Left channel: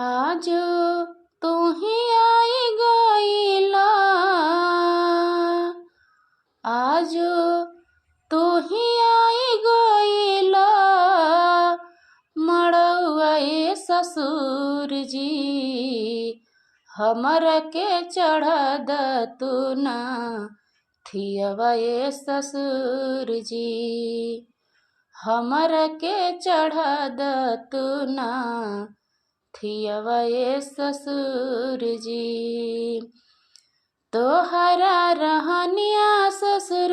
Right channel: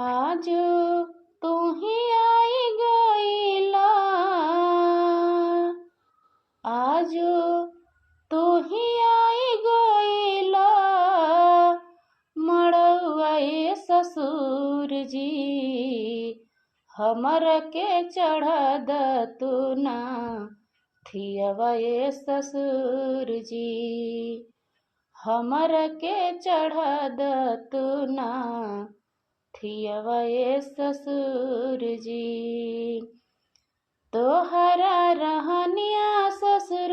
आज तू ही आई गईला, आज तू ही आई गईला, मड़उआ ए ससुर जी, हमर के चढ़ा द तू ना थियवा ए ससुर जी, हमर के चढ़ा द तू ना थियवा ए ससुर जी। तोहरा रहनिया ससुर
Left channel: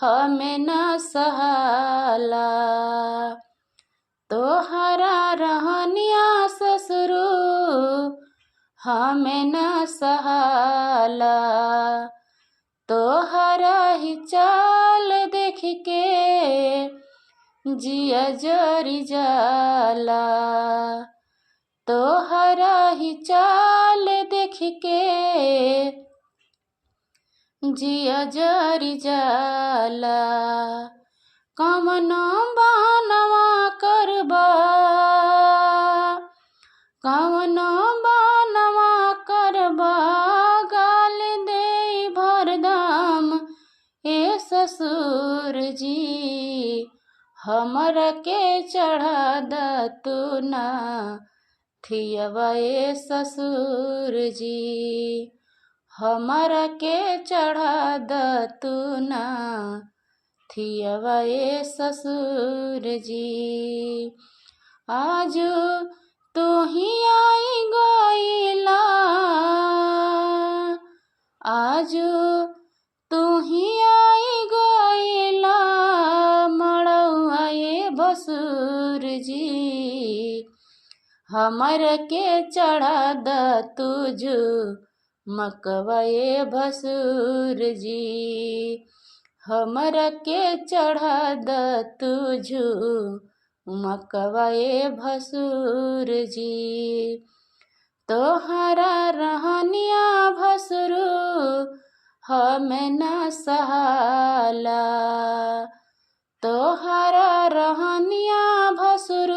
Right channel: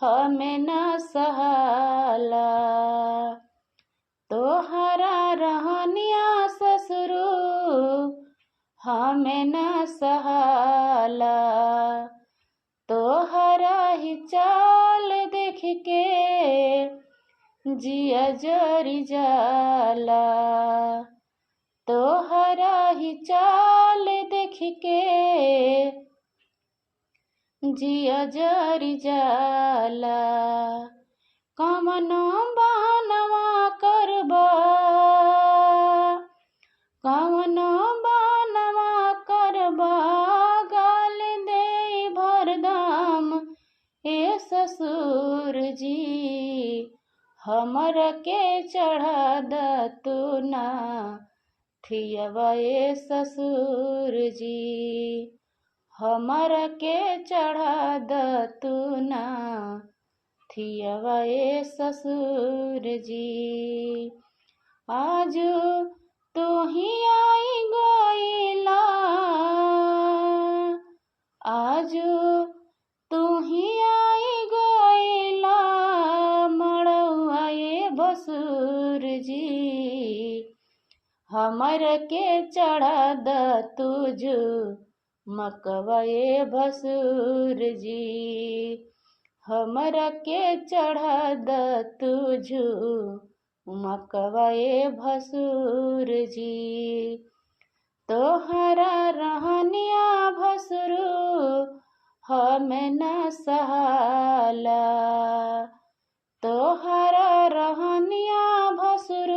हमें न सहाला, तोहरा रहनिया ससुर हमें न सहाला, तोहरा ही चाल देख के जिया जरी जाला, तोहरा ही चाल देख के जिया जरी जाला। कवनो बनवा करबा, कवनो बनवा करबा, गाल दे भरदम ए ससुर जी, हमर के चढ़ा द तू ना थियवा ए ससुर जी, हमर के चढ़ा द तू ना थियवा ए ससुर जी। आज तू ही आई गईला, आज तू ही आई गईला, मड़उआ ए भसुर जी, हमर के चढ़ा द तुझ मकवा ए भसुर जी, हमर के चढ़ा द तुझ मकवा ए भसुर जी। तोहरा रहनिया भसुर हमें न सहाला, तोहरा रहनिया भसुर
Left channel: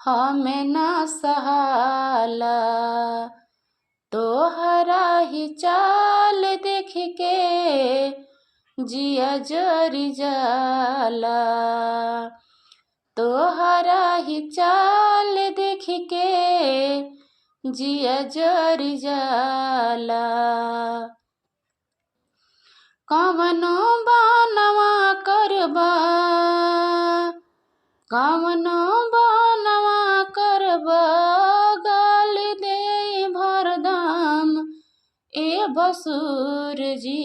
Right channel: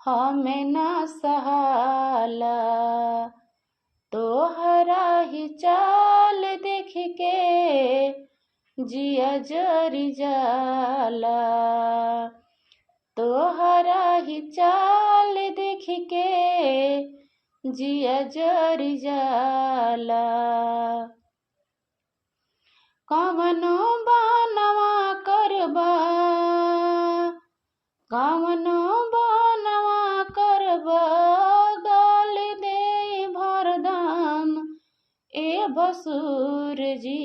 हमें न सहाला, तोहरा ही चाल देख के जिया जरी जाला, तोहरा ही चाल देख के जिया जरी जाला। कवनो बनवा करबा, कवनो बनवा करबा, गाल दे भरदम ए भसुर जी,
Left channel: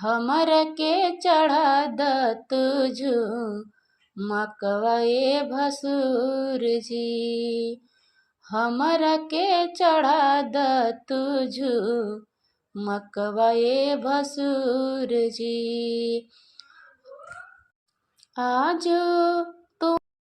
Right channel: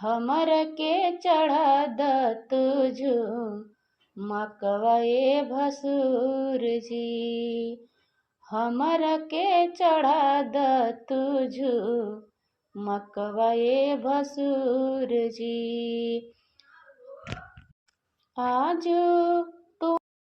हमर के चढ़ा द तुझ मकवा ए भसुर जी, हमर के चढ़ा द तुझ मकवा ए भसुर जी। आज